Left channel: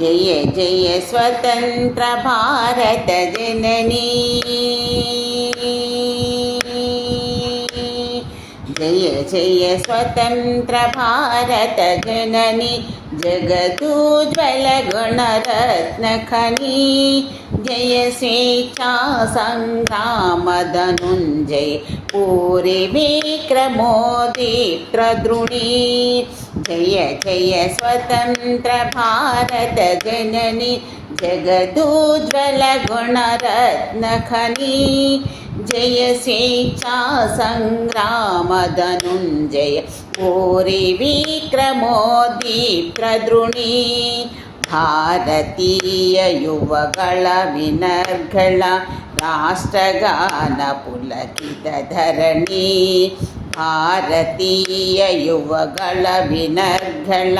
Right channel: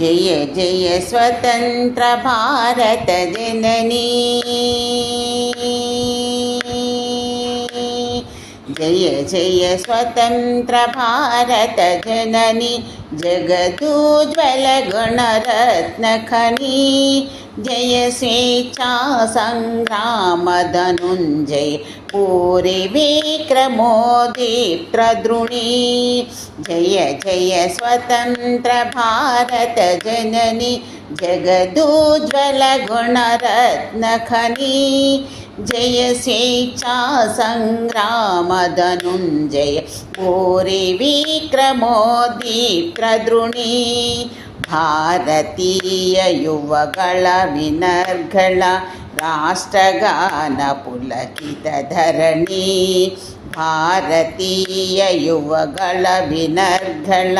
जय जय स्वतंत्र भारत जननी। जय जय स्वतंत्र भारत जननी, जगदुज्ज्वल गुणरत्न खनी। जय स्वेच्छा संग्राम धनुंजय, पूरी विक्रमोदीप्तद्रुणी। जय जय स्वतंत्र भारत जननी, जगदुज्ज्वल गुणरत्न खनी। जय स्वेच्छा संग्राम धनुंजय, पूरी विक्रमोदीप्तद्रुणी। ಭಾರತೀಯ ಯುವಗಳ ವಿನರ್ಗಳ ರಾಷ್ಟ್ರಗಾನ ಪುಲಕಿತ ಧರಣಿ। ಭಾರತೀಯ ಯುವಗಳ ವಿನರ್ಗಳ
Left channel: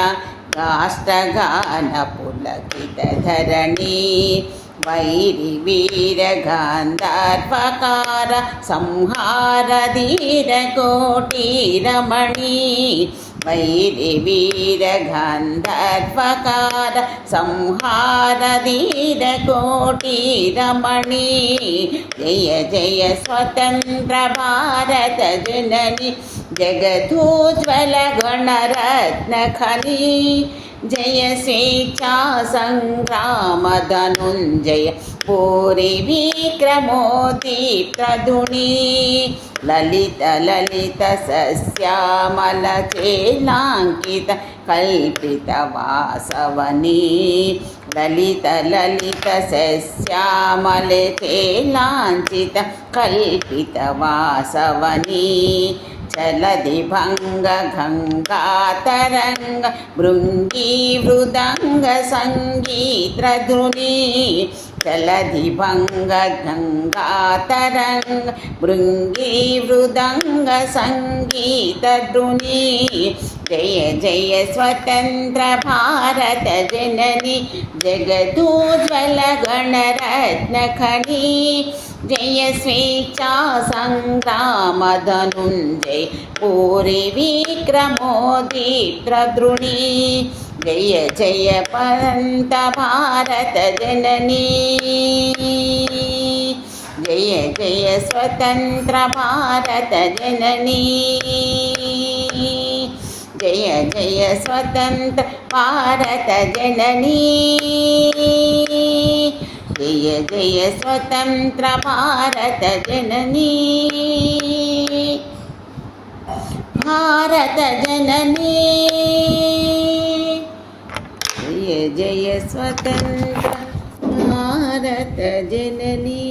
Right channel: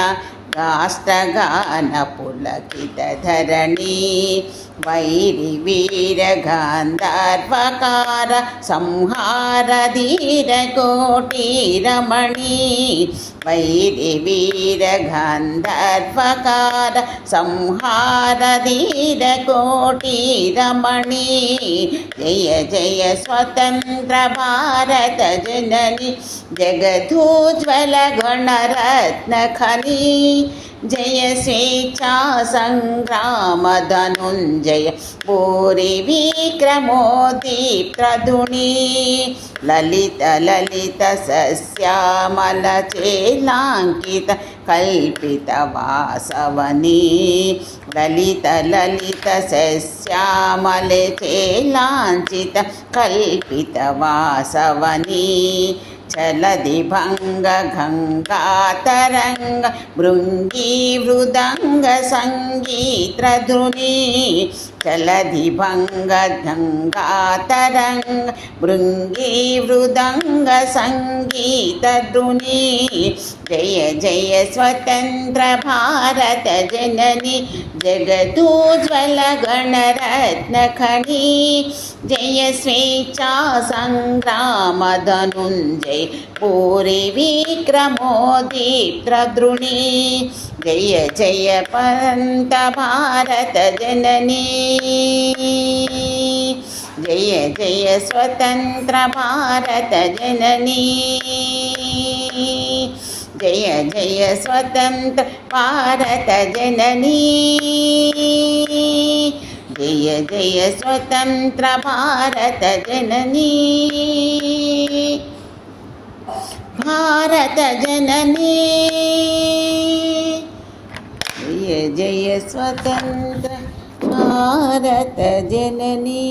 ರಾಷ್ಟ್ರಗಾನ ಪುಲಕಿತ ಧರಣಿ। ವೈರಿ ವೀರ ಗಾಂಧರ್ವಕಾರ ಸಂಹಾರ ಧೀರ ಕೋಟಿ ರಮಣಿ। ವೈರಿ ವೀರ ಗಾಂಧರ್ವಕಾರ ಸಂಹಾರ ಧೀರ ಕೋಟಿ ರಮಣಿ। ಜಯ ಜಯ ಸ್ವತಂತ್ರ ಭಾರತ ಜನನಿ, ಜಗದೋಜ್ವಲ ಗಣರತ್ನ ಖನಿ। जय स्वेच्छा संग्राम धनुंजय, पूरी विक्रमोदीप्तद्रुणी। ललित ललित सस्यामल चेलांकित कल्पित वासवनी। ललित ललित सस्यामल चेलांचित कल्पित वासवनी। चलदि भंग गंगा तरंग भृंगी मृदंग संगीतध्वनि। चलदि भंग गंगा तरंग भृंगी मृदंग संगीतध्वनि। जय जय स्वतंत्र भारत जननी, जगदुज्ज्वल गणरत्न खनी। जय स्वेच्छा संग्राम धनुंजय, पूरी विक्रमोदीप्तद्रुणी। जय जय पंत भारत जननी, जय जय स्वतंत्र भारत जननी। जय जय स्वतंत्र भारत जननी, जय जय स्वतंत्र भारत जननी। भारत जननी, जय जय स्वतंत्र भारत जननी।